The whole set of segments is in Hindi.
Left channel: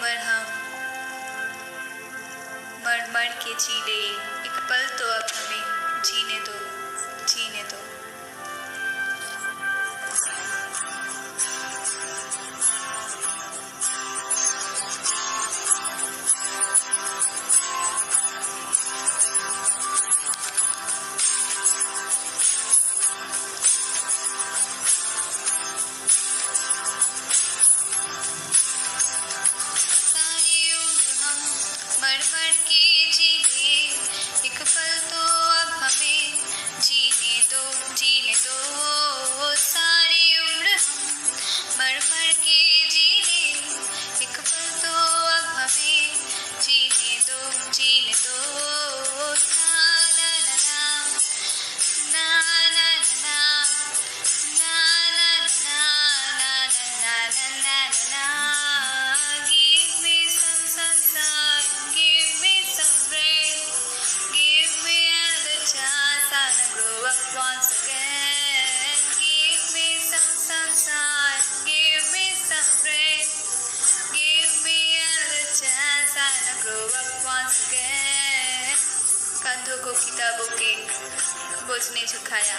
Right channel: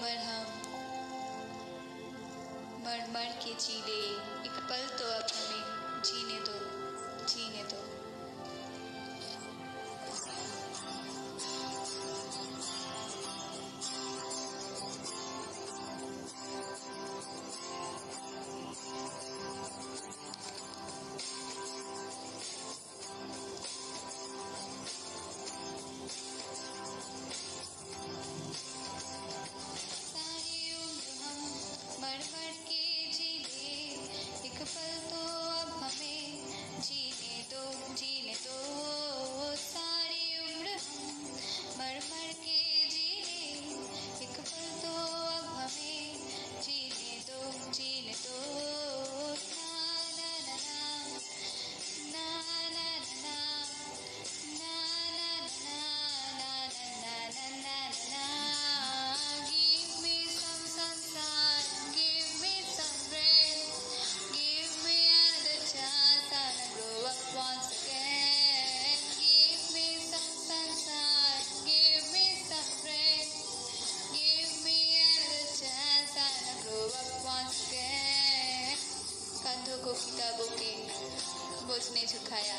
उम्र हम मर मर के जी ले, एक पल तो अब हमें जीने दो, जीने दो। को किताबों के बोझ ने झुकाया,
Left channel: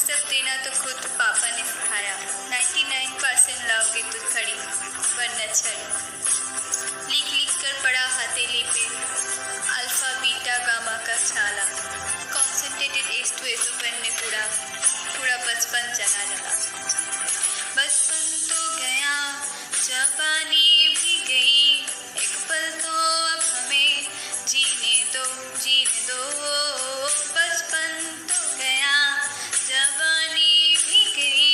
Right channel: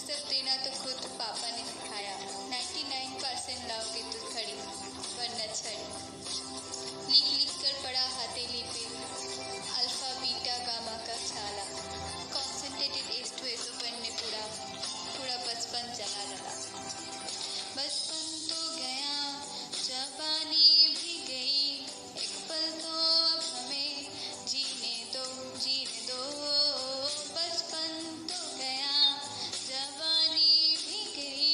सब देना तो खुद पापा ने सिखाया। 99% लाओगे तो खड़ी वरना छड़ी, लिख लिख कर पड़ा हथेली पे अल्फा बीटा गामा का छाला। Concentrated S to S pain में पूरा पूरा बचपन चला लगा। बचपन तो गया, जवानी भी गई, एक पल तो अब हमें जीने दो, जीने दो। बचपन तो गया, जवानी भी गई,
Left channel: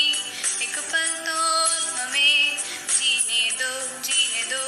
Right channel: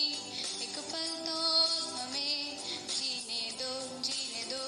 एक पल तो अब हमें जीने दो, जीने दो।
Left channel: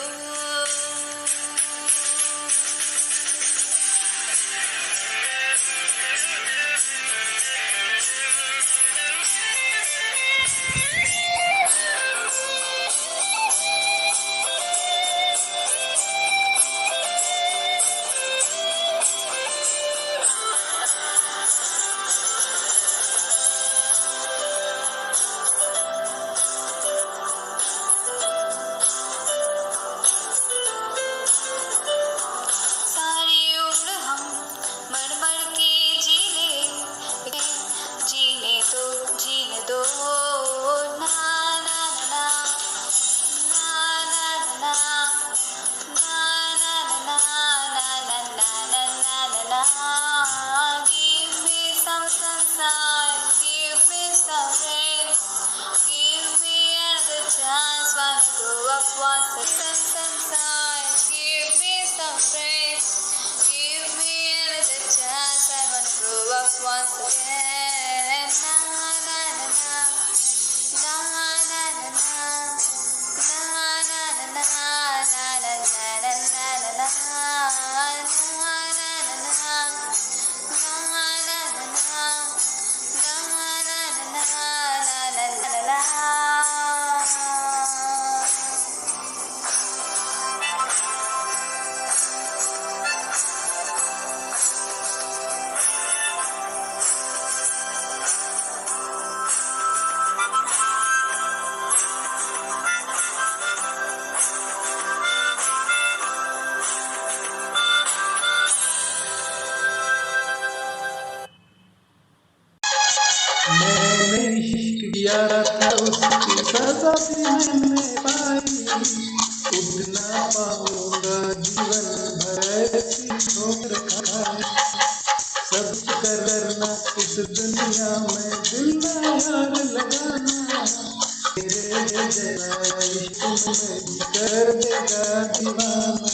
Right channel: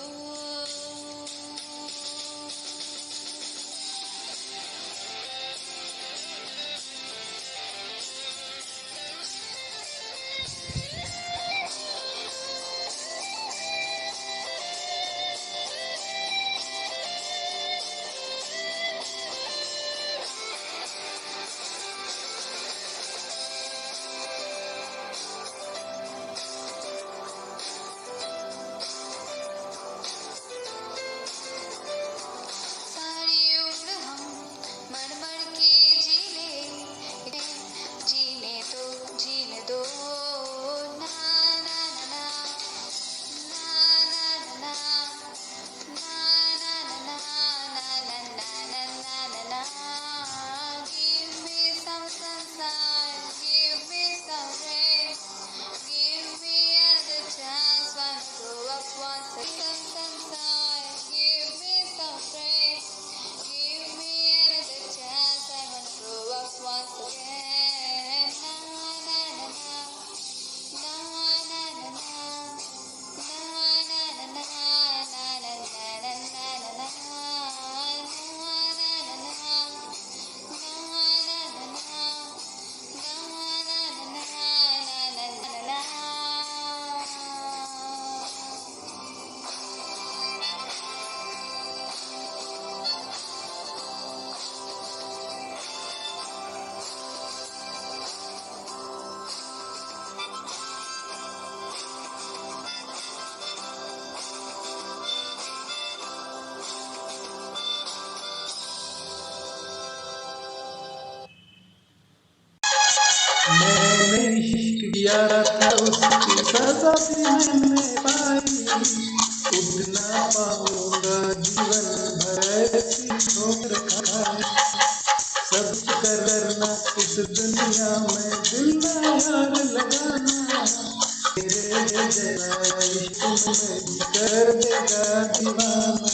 मैंने इश्क किया था उसकी सजा भी मैंने पाई, उड़ ना पाऊंगा जीवन भर ऐसी ठोकर खाई। सब करना इस दुनिया में दिल ना यार लगाना, तेरे जैसा इश्क में कर देगा दीवाना।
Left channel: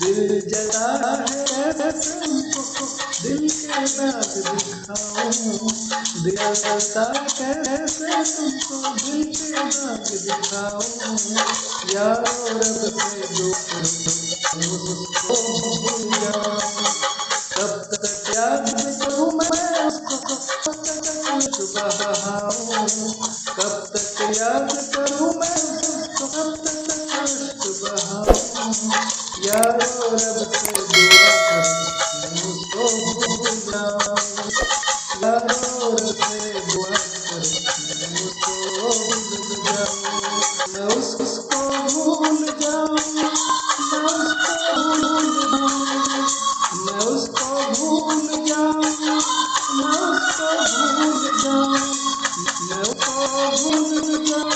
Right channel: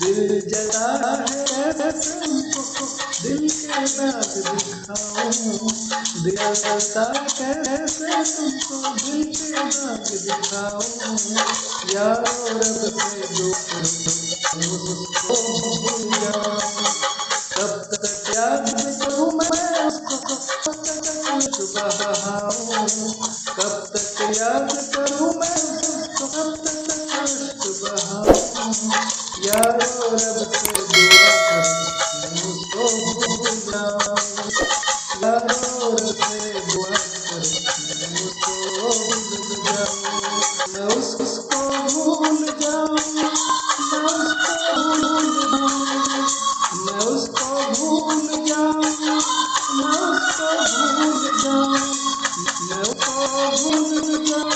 दिल जला है कैसे तुमको दिल के दाग दिखाऊं, दिल जलता कैसे तुमको दिल के दाग दिखाऊं। यारो रब से जो उसको भूल जाऊं, कब तक याद करूं मैं उसको, कब तक बहाऊं। कब तक याद करूं मैं उसको, कब तक बहाऊं। यारो रब से दुआ करूं उसको भूल जाऊं, यारो रब से दुआ करूं उसको भूल जाऊं, मैं उसको भूल जाऊं। भूल जाओ